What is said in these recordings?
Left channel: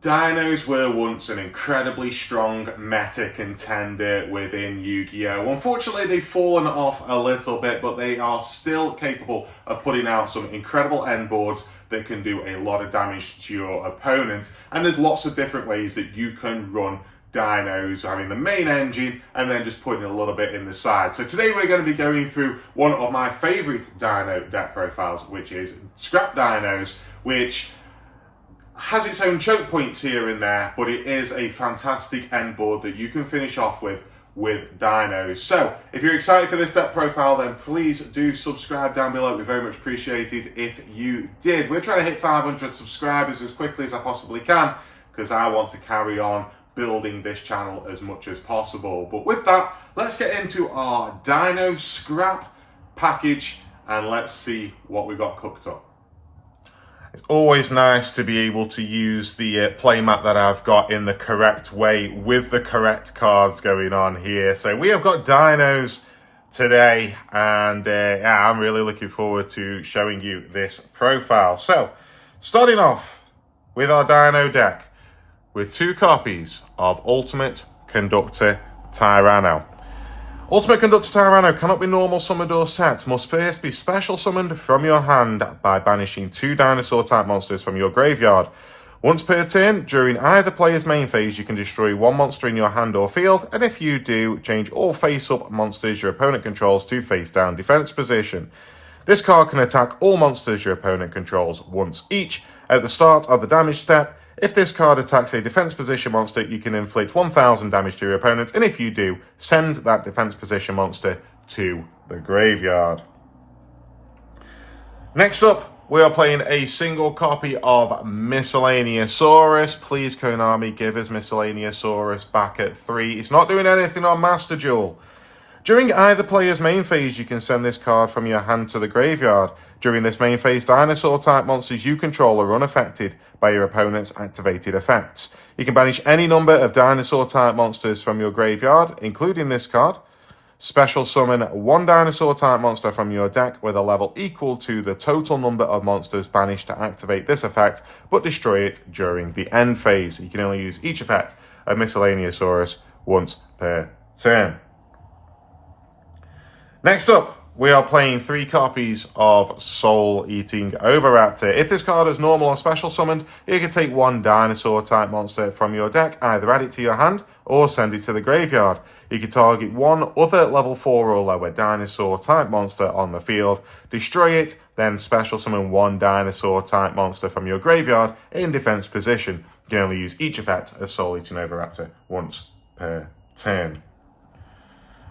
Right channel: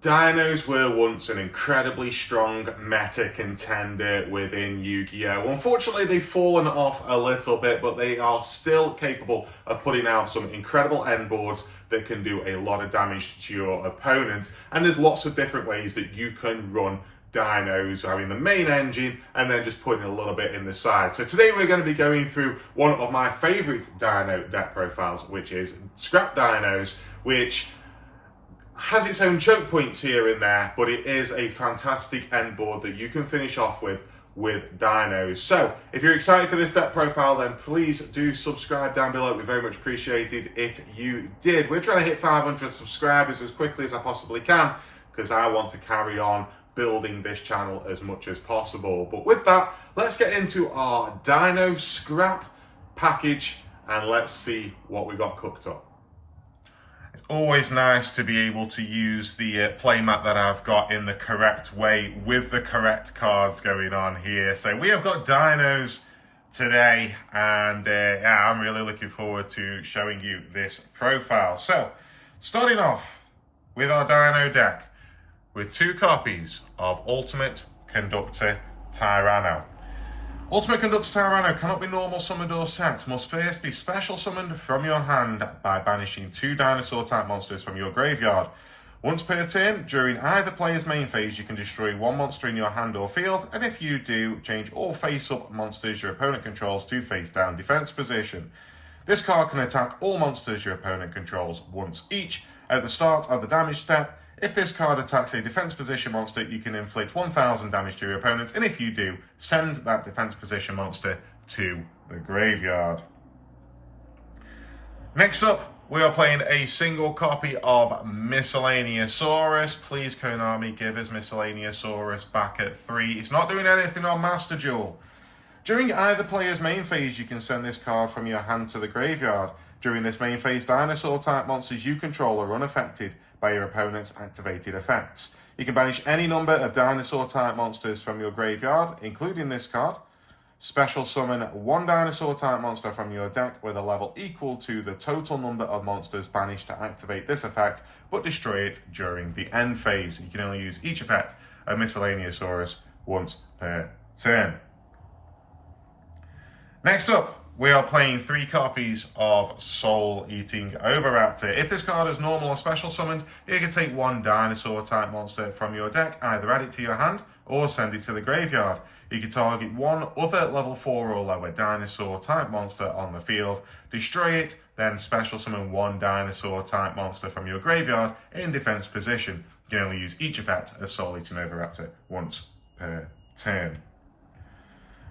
Dinos were once an incredibly strong meta contender within Yu-Gi-Oh! Unfortunately, they've fallen off a little bit, but they are still capable of putting out some incredible end boards that can do a lot of damage to your opponent. And there's lots of different ways that you can run Dinos, having the main engine and then just putting a little bit in the side. So today we're going to be going through one of my favorite Dino deck profiles, which is Scrap Dinos, which has its own choke points here and there, but it is a fantastic end board that you can finish off with Dinos. So if you're excited for this deck profile, then please do subscribe down below. It'd be very much appreciated if you did. We're trying to hit 500 subscribers as quickly as I possibly can because I want to carry on building this channel as much as possible. But with that, let's get into our Dino Scrap package and let's see what we got cooked up. It's always nice to be able to use the playmat that I've got in the correct way with the correct cards going on here. So we have got Dinos today, and yeah, I'm really looking forward to showing you this profile. So starting off with our Dino deck with two copies of Ultimate Conductor Tyranno. Ultimate Conductor Tyranno cannot be normal summoned or set, must first be special summoned from your hand by banishing two dinosaur type monsters from your graveyard. Once per turn, during either player's main phase, you can destroy one monster in your hand or field, and if you do, change all face-up monsters your opponent controls to face-down defense position. This card can attack all monsters your opponent controls once each. At the start of the damage step, if this card attacks a defense position monster, you can inflict 1000 damage to your opponent, and if you do, send that defense position monster to the graveyard. Next up, we are playing a single copy of Miscellaneousaurus. Please, Konami, give us Miscellaneousaurus back at 3. It's not doing anything on Master Duel. During either player's main phase, you can send this card from your hand to the graveyard. During this main phase, dinosaur-type monsters you control are unaffected by your opponent's activated effects. You can banish any number of dinosaur-type monsters from your graveyard, including this card. Special summon one dinosaur-type monster from your deck with a level equal to the total number of monsters banished to activate this effect, but destroy it during the end phase. You can only use each effect of Miscellaneousaurus once per turn. Next up, we are playing 3 copies of Soul Eating Oviraptor. If this card is normal or special summoned, you can take one dinosaur type monster from your deck, either add it to your hand or send it to the graveyard. You can target one other level 4 or lower dinosaur type monster on the field, destroy it, then special summon one dinosaur type monster from your graveyard in defense position. You can only use each effect of Soul Eating Oviraptor once per turn.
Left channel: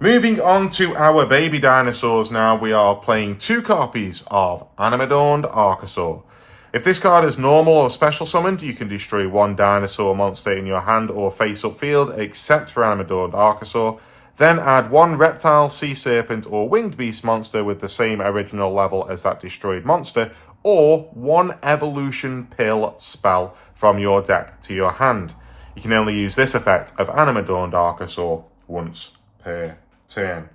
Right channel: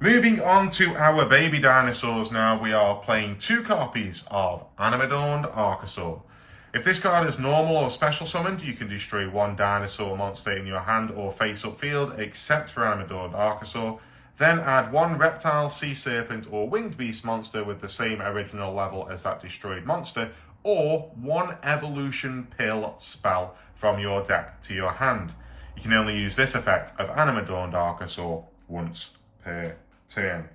Moving on to our baby dinosaurs now, we are playing 2 copies of Animadorned Archosaur. If this card is normal or special summoned, you can destroy one dinosaur monster in your hand or face-up field, except for Animadorned Archosaur. Then add one reptile, sea serpent, or winged beast monster with the same original level as that destroyed monster, or one evolution pill spell from your deck to your hand. You can only use this effect of Animadorned Archosaur once per turn.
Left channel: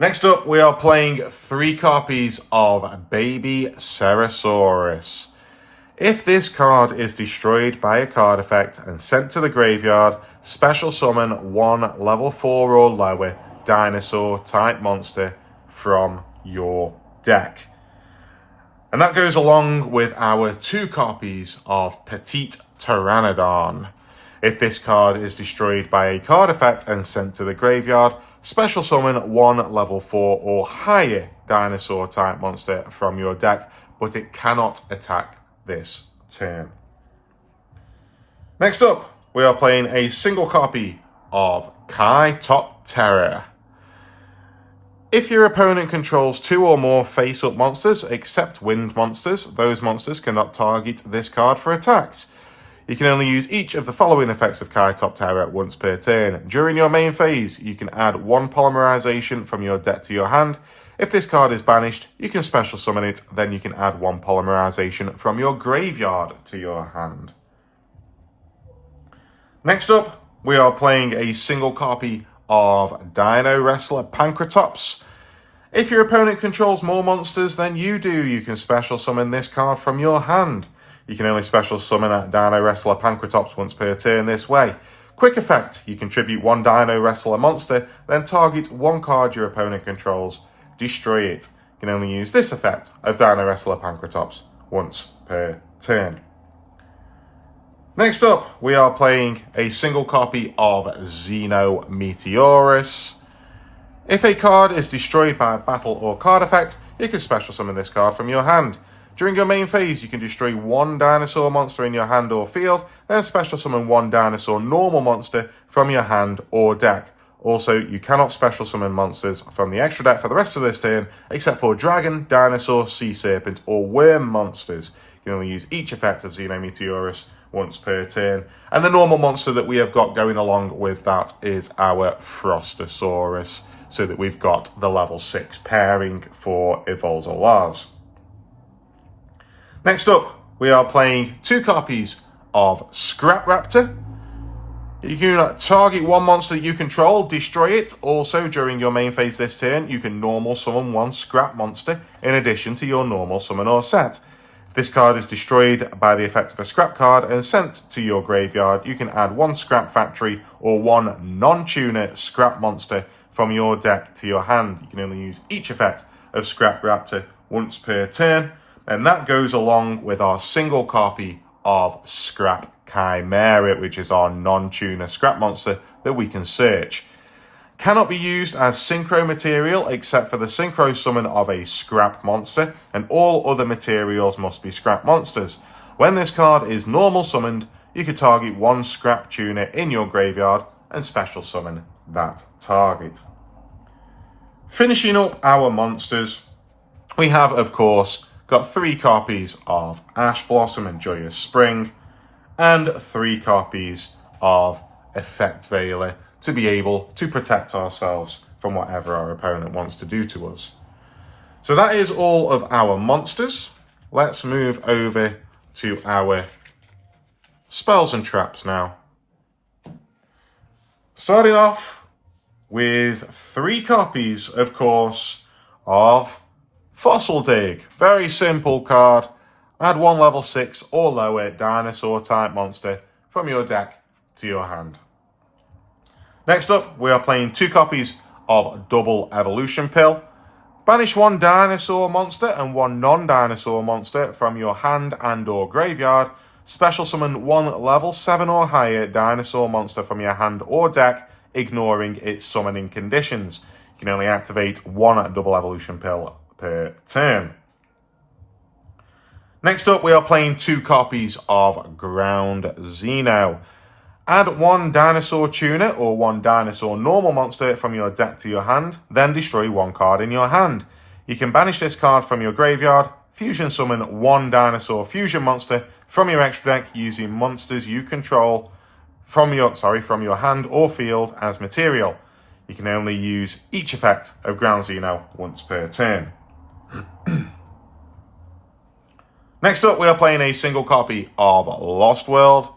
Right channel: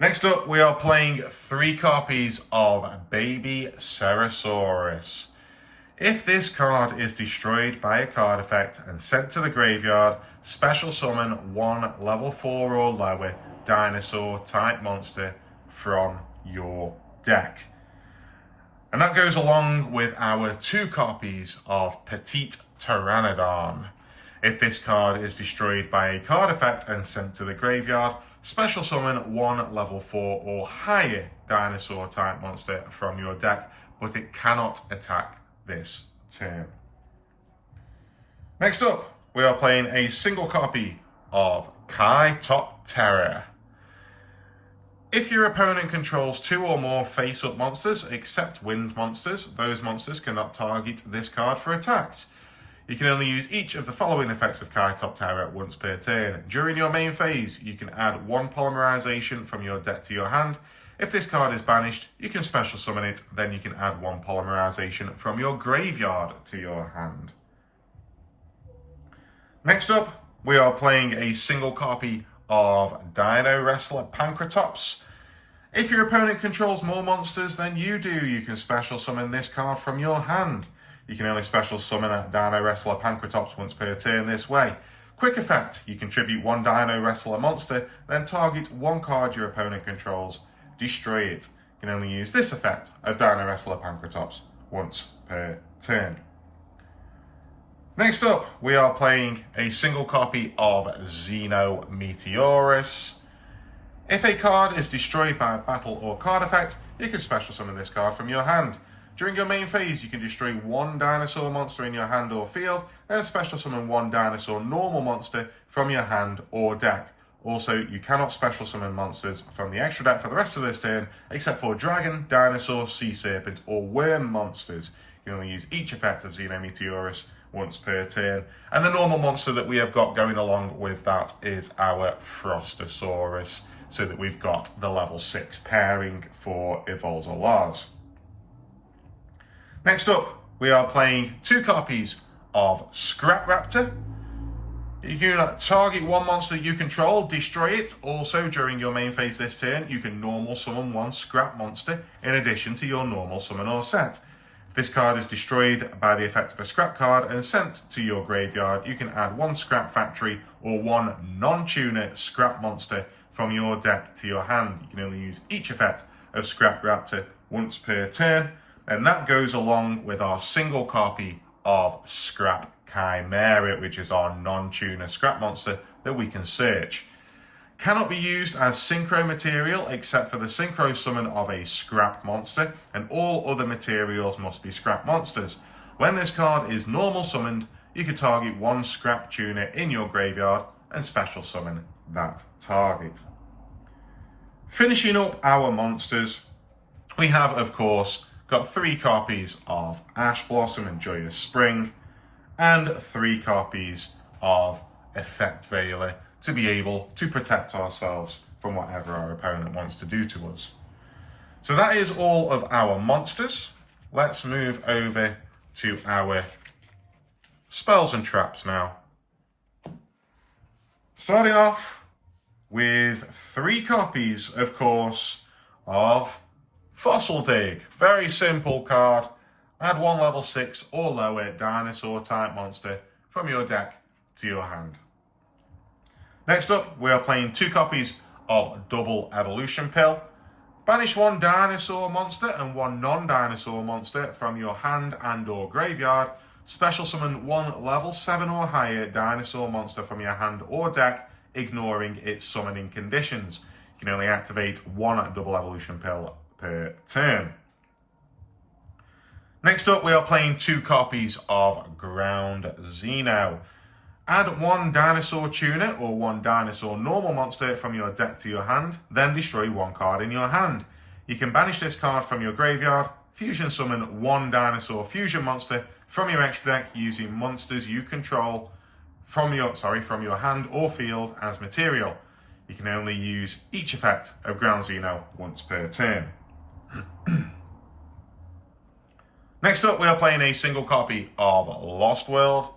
Next up, we are playing 3 copies of Baby Cerosaurus. If this card is destroyed by a card effect and sent to the graveyard, special summon one level 4 or lower dinosaur type monster from your deck. And that goes along with our 2 copies of Petite Pteranodon. If this card is destroyed by a card effect and sent to the graveyard, special summon one level 4 or higher dinosaur type monster from your deck, but it cannot attack this turn. Next up, we are playing a single copy of Kai Top Terror. If your opponent controls 2 or more face-up monsters, except wind monsters, those monsters cannot target this card for attacks. You can only use each of the following effects of Kai Top Terror once per turn. During your main phase, you can add one polymerization from your deck to your hand. If this card is banished, you can special summon it, then you can add one polymerization from your graveyard to your hand. Next up, we are playing a single copy of Dino Wrestler Pancratops. If your opponent controls more monsters than you do, you can special summon this card from your hand. You can only special summon a Dino Wrestler Pancratops once per turn this way. Quick effect, you contribute 1 Dino Wrestler monster, then target 1 card your opponent controls, destroy it. You can only use this effect of Dino Wrestler Pancratops once per turn. Next up, we are playing a single copy of Xeno Meteorus. If a card is destroyed by a battle or card effect, you can special summon this card from your hand. During your main phase, you can destroy 1 dinosaur monster in your hand or field, then special summon 1 dinosaur normal monster from your hand or deck. Also, you cannot special summon monsters from the extra deck for the rest of this turn, except for dragon, dinosaur, sea serpent, or worm monsters. You can only use each effect of Xeno Meteorus once per turn. And the normal monster that we have got going along with that is our Frostosaurus, so that we've got the level 6 pairing for Evolzolars. Next up, we are playing 2 copies of Scrap Raptor. You can target 1 monster you control, destroy it. Also, during your main phase this turn, you can normal summon 1 scrap monster in addition to your normal summon or set. If this card is destroyed by the effect of a scrap card and sent to your graveyard, you can add 1 scrap factory or 1 non-tuner scrap monster from your deck to your hand. You can only use each effect of Scrap Raptor once per turn. And that goes along with our single copy of Scrap Chimera, which is our non-tuner scrap monster that we can search. Cannot be used as synchro material except for the synchro summon of a scrap monster, and all other materials must be scrap monsters. When this card is normal summoned, you can target 1 scrap tuner in your graveyard and special summon that target. Finishing up our monsters, we have, of course, got 3 copies of Ash Blossom and Joyous Spring, and 3 copies of Effect Veiler to be able to protect ourselves from whatever our opponent wants to do to us. So that is all of our monsters. Let's move over to our spells and traps now. Starting off with 3 copies, of course, of Fossil Dig. Very simple card. Add 1 level 6 or lower dinosaur type monster from your deck to your hand. Next up, we are playing 2 copies of Double Evolution Pill. Banish 1 dinosaur monster and 1 non-dinosaur monster from your hand and or graveyard. Special summon 1 level 7 or higher dinosaur monster from your hand or deck, ignoring its summoning conditions. You can only activate 1 Double Evolution Pill per turn. Next up, we are playing 2 copies of Ground Xeno. Add 1 dinosaur tuner or 1 dinosaur normal monster from your deck to your hand, then destroy 1 card in your hand. You can banish this card from your graveyard, fusion summon 1 dinosaur fusion monster from your extra deck using monsters you control from your hand or field as material. You can only use each effect of Ground Xeno once per turn. Next up, we are playing a single copy of Lost World.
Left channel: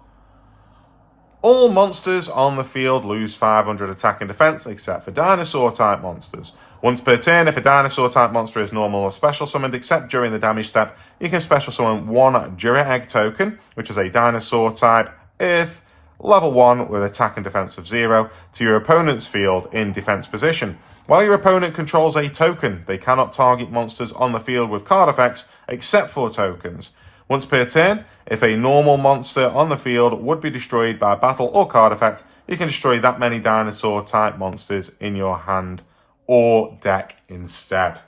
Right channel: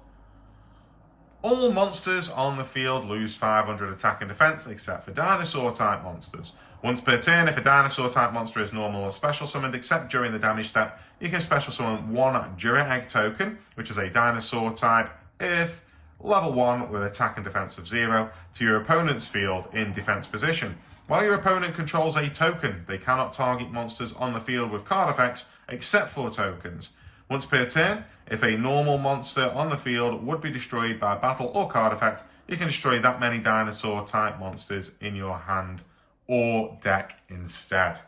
All monsters on the field lose 500 attack and defense, except for dinosaur-type monsters. Once per turn, if a dinosaur-type monster is normal or special summoned, except during the damage step, you can special summon 1 Jura Egg token, which is a dinosaur-type Earth, level 1 with attack and defense of 0, to your opponent's field in defense position. While your opponent controls a token, they cannot target monsters on the field with card effects, except for tokens. Once per turn, if a normal monster on the field would be destroyed by battle or card effect, you can destroy that many dinosaur-type monsters in your hand or deck instead.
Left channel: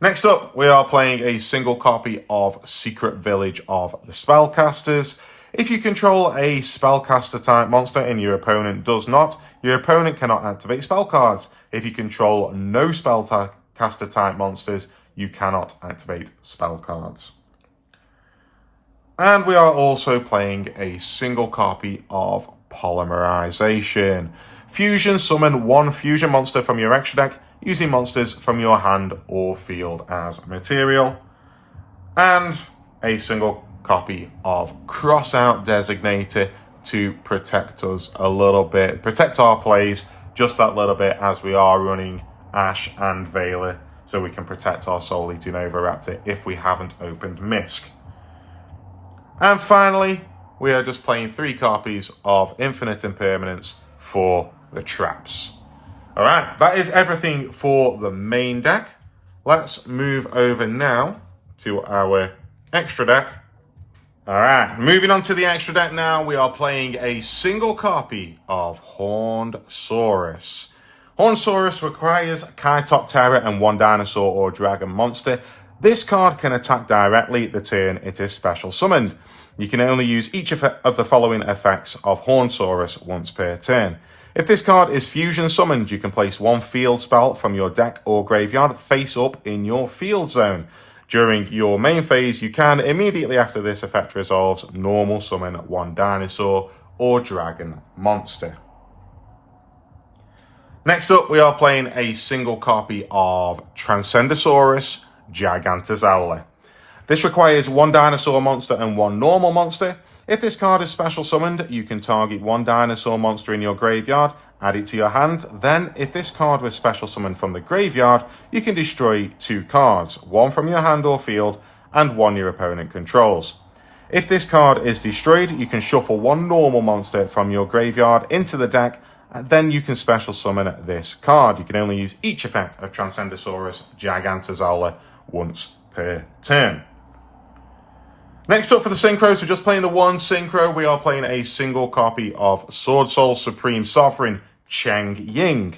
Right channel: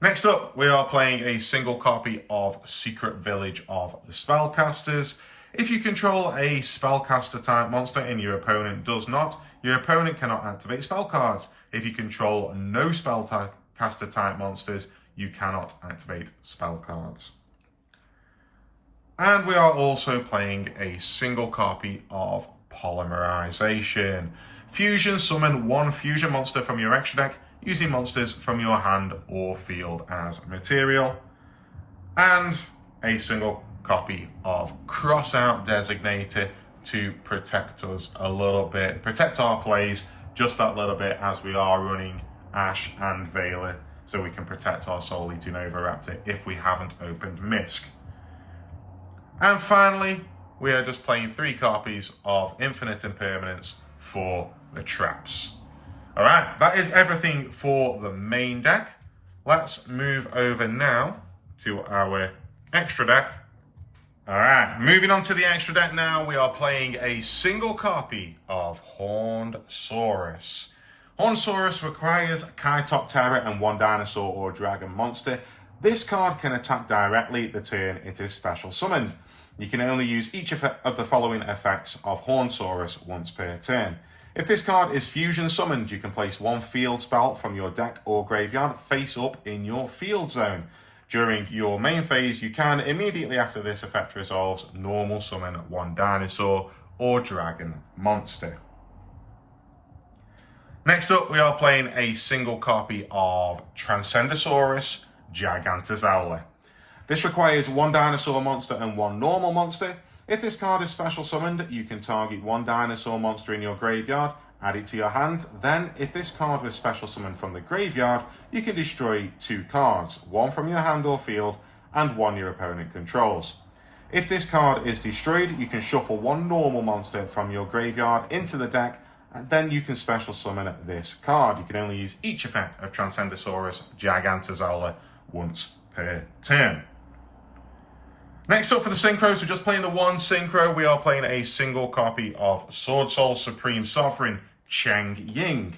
Next up, we are playing a single copy of Secret Village of the Spellcasters. If you control a spellcaster-type monster and your opponent does not, your opponent cannot activate spell cards. If you control no spellcaster-type monsters, you cannot activate spell cards. And we are also playing a single copy of Polymerization. Fusion summon 1 fusion monster from your extra deck using monsters from your hand or field as material. And a single copy of Crossout Designator to protect us a little bit, protect our plays just that little bit as we are running Ash and Veiler so we can protect our Soul Eating Oviraptor if we haven't opened Misk. And finally, we are just playing 3 copies of Infinite Impermanence for the traps. All right, that is everything for the main deck. Let's move over now to our extra deck. All right, moving on to the extra deck now, we are playing a single copy of Horned Saurus. Horned Saurus requires Kaitop Terror and 1 dinosaur or dragon monster. This card can attack directly the turn it is special summoned. You can only use each of the following effects of Horned Saurus once per turn. If this card is fusion summoned, you can place 1 field spell from your deck or graveyard face up in your field zone. During your main phase, you can, immediately after this effect resolves, normal summon 1 dinosaur or dragon monster. Next up, we are playing a single copy of Transcendosaurus Gigantosaurus. This requires 1 dinosaur monster and 1 normal monster. If this card is special summoned, you can target 1 dinosaur monster in your graveyard, add it to your hand. Then, if this card was special summoned from the graveyard, you can destroy 2 cards, 1 from your hand or field, and 1 your opponent controls. If this card is destroyed, you can shuffle 1 normal monster from your graveyard into the deck, and then you can special summon this card. You can only use each effect of Transcendosaurus Gigantosaurus once per turn. Next up for the synchros, we're just playing the 1 synchro. We are playing a single copy of Sword Soul Supreme Sovereign Cheng Ying.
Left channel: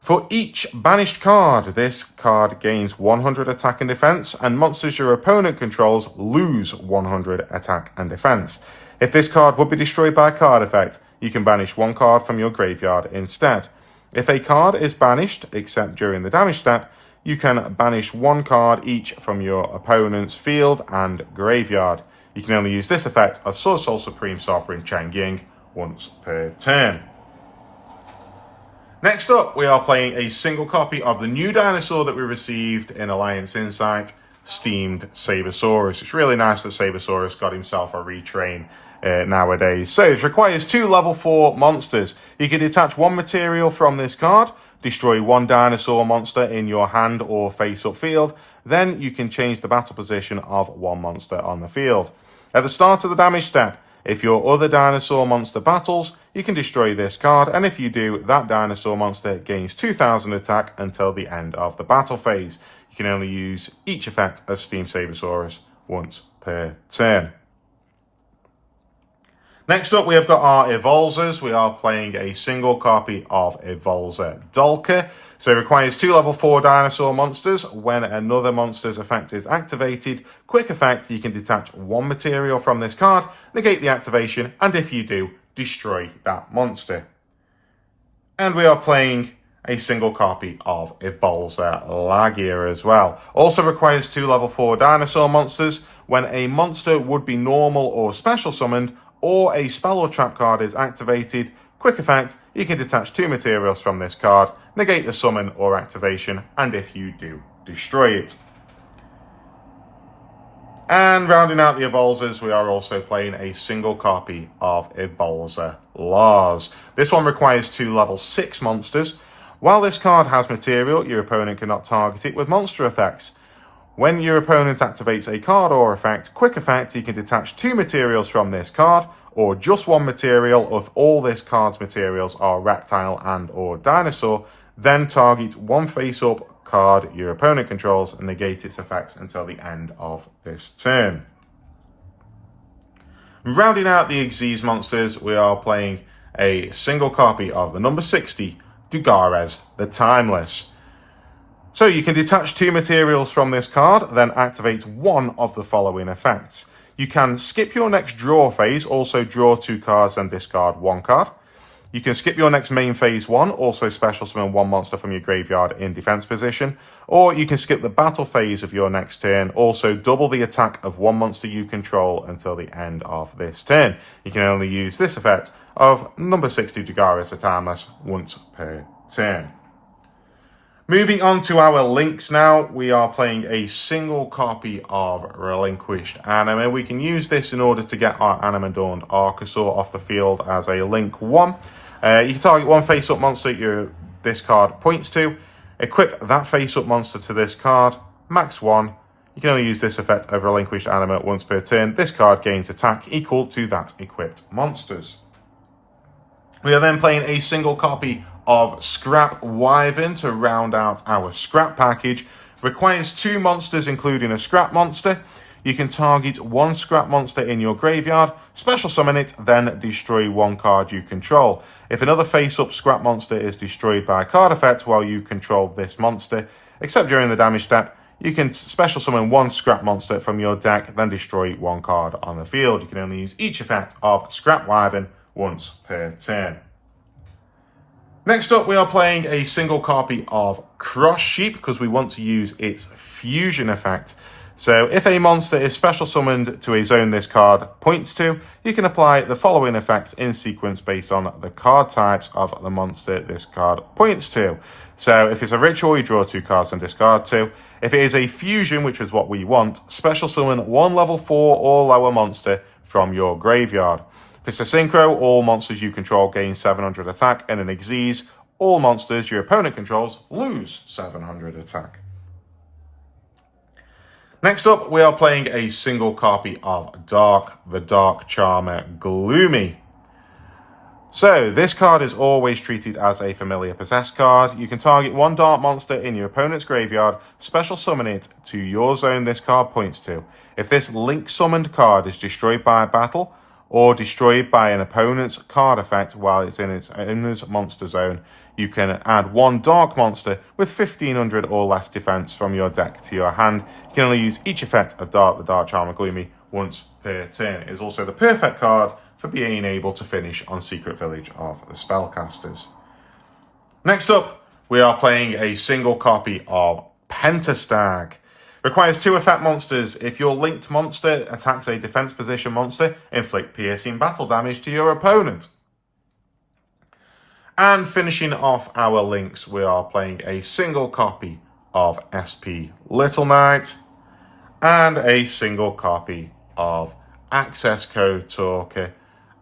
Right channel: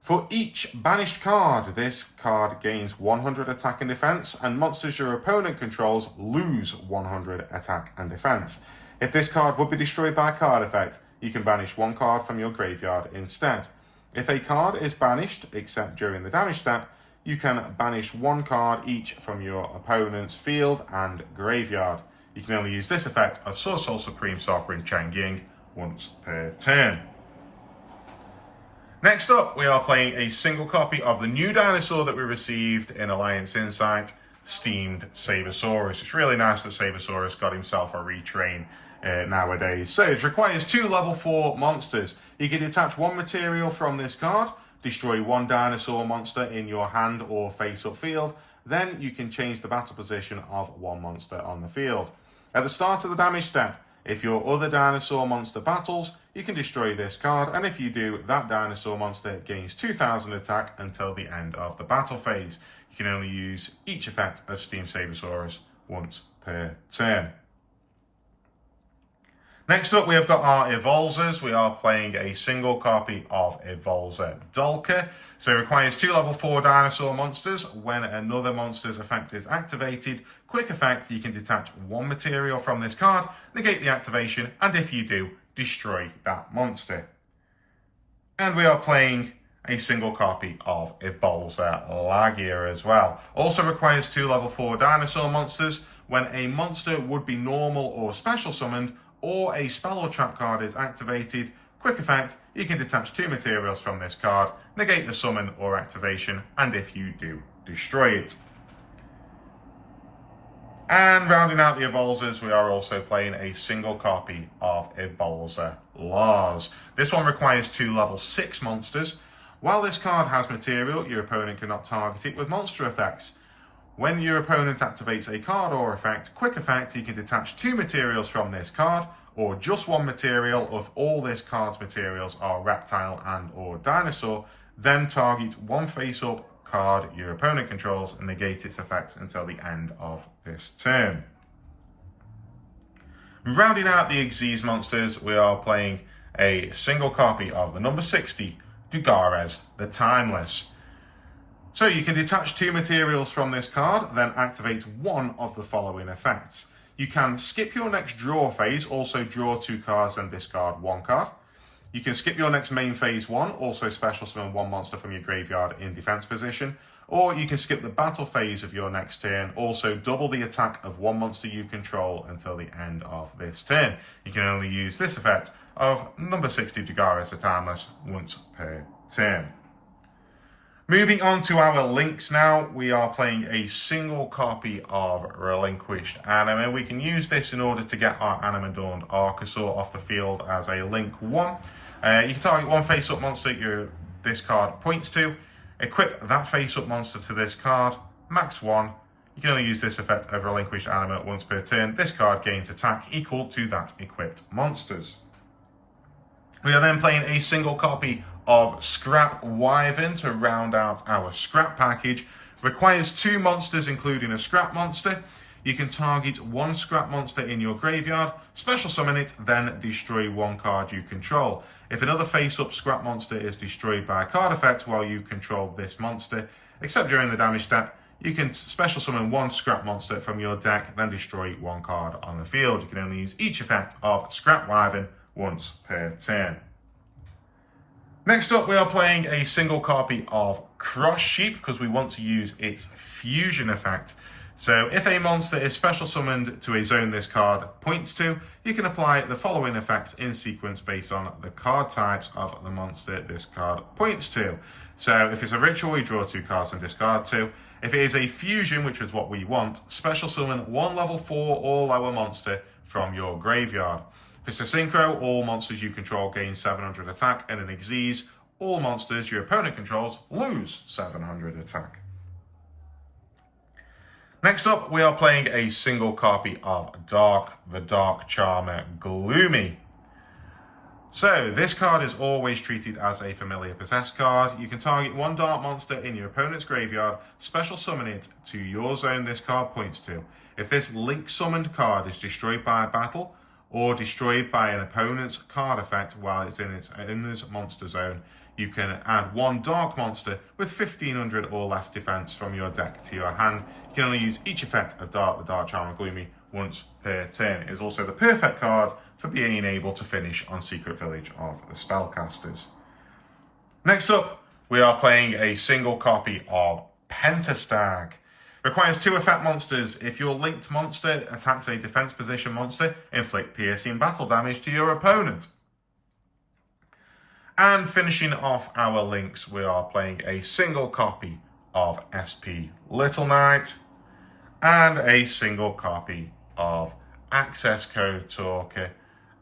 For each banished card, this card gains 100 attack and defense, and monsters your opponent controls lose 100 attack and defense. If this card would be destroyed by a card effect, you can banish 1 card from your graveyard instead. If a card is banished, except during the damage step, you can banish 1 card each from your opponent's field and graveyard. You can only use this effect of Sword Soul Supreme Sovereign Cheng Ying once per turn. Next up, we are playing a single copy of the new dinosaur that we received in Alliance Insight, Steamed Sabersaurus. It's really nice that Sabersaurus got himself a retrain nowadays. So it requires 2 level 4 monsters. You can detach 1 material from this card, destroy 1 dinosaur monster in your hand or face-up field. Then you can change the battle position of 1 monster on the field. At the start of the damage step, if your other dinosaur monster battles, you can destroy this card, and if you do, that dinosaur monster gains 2000 attack until the end of the battle phase. You can only use each effect of Steamed Sabersaurus once per turn. Next up, we have got our Evolzers. We are playing a single copy of Evolzer Dolka. So it requires 2 level 4 dinosaur monsters. When another monster's effect is activated, quick effect, you can detach 1 material from this card, negate the activation, and if you do, destroy that monster. And we are playing a single copy of Evolzer Lagia as well. Also requires 2 level 4 dinosaur monsters. When a monster would be normal or special summoned, or a spell or trap card is activated, quick effect, you can detach 2 materials from this card, negate the summon or activation, and if you do, destroy it. And rounding out the Evolzers, we are also playing a single copy of Evolzer Lars. This one requires 2 level 6 monsters. While this card has material, your opponent cannot target it with monster effects. When your opponent activates a card or effect, quick effect, you can detach 2 materials from this card, or just 1 material if all this card's materials are reptile and or dinosaur, then target 1 face-up card your opponent controls and negate its effects until the end of this turn. Rounding out the Xyz monsters, we are playing a single copy of the number 60, Dugares the Timeless. So you can detach 2 materials from this card, then activate 1 of the following effects. You can skip your next draw phase, also draw 2 cards and discard 1 card. You can skip your next main phase 1, also special summon 1 monster from your graveyard in defense position. Or you can skip the battle phase of your next turn, also double the attack of 1 monster you control until the end of this turn. You can only use this effect of number 60 Dugares the Timeless once per turn. Moving on to our links now, we are playing a single copy of Relinquished Anima. We can use this in order to get our Animadorned Archosaur off the field as a link 1. You can target 1 face-up monster this card points to. Equip that face-up monster to this card, max 1. You can only use this effect over a relinquished animate once per turn. This card gains attack equal to that equipped monster's. We are then playing a single copy of Scrap Wyvern to round out our scrap package. Requires 2 monsters, including a scrap monster. You can target 1 scrap monster in your graveyard, special summon it, then destroy 1 card you control. If another face-up scrap monster is destroyed by a card effect while you control this monster, except during the damage step, you can special summon 1 scrap monster from your deck, then destroy 1 card on the field. You can only use each effect of Scrap Wyvern once per turn. Next up, we are playing a single copy of Cross Sheep because we want to use its fusion effect. So if a monster is special summoned to a zone this card points to, you can apply the following effects in sequence based on the card types of the monster this card points to. So if it's a ritual, you draw 2 cards and discard 2. If it is a fusion, which is what we want, special summon 1 level 4 or lower monster from your graveyard. If it's a synchro, all monsters you control gain 700 attack, and in Xyz, all monsters your opponent controls lose 700 attack. Next up, we are playing a single copy of the Dark Charmer Gloomy. So, this card is always treated as a familiar possessed card. You can target 1 dark monster in your opponent's graveyard, special summon it to your zone this card points to. If this link summoned card is destroyed by a battle, or destroyed by an opponent's card effect while it's in its owner's monster zone, you can add 1 dark monster with 1500 or less defense from your deck to your hand. You can only use each effect of the Dark Charmer Gloomy once per turn. It is also the perfect card for being able to finish on Secret Village of the Spellcasters. Next up, we are playing a single copy of Pentastag. Requires 2 effect monsters. If your linked monster attacks a defense position monster, inflict piercing battle damage to your opponent. And finishing off our links, we are playing a single copy of SP Little Knight and a single copy of Access Code Talker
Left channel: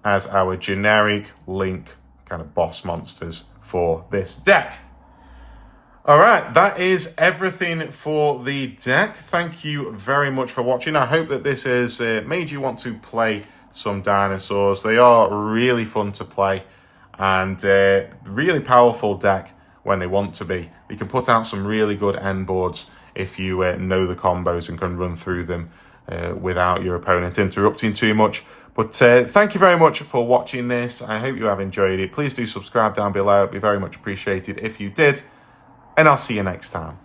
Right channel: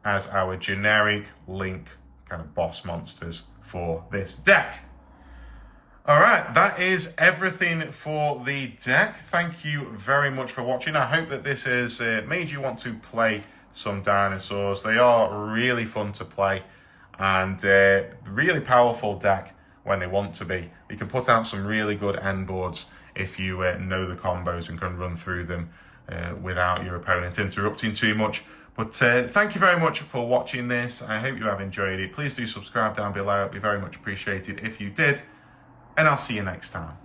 as our generic link kind of boss monsters for this deck. All right, that is everything for the deck. Thank you very much for watching. I hope that this has made you want to play some dinosaurs. They are really fun to play and really powerful deck when they want to be. You can put out some really good end boards if you know the combos and can run through them without your opponent interrupting too much. But thank you very much for watching this. I hope you have enjoyed it. Please do subscribe down below. It'd be very much appreciated if you did. And I'll see you next time.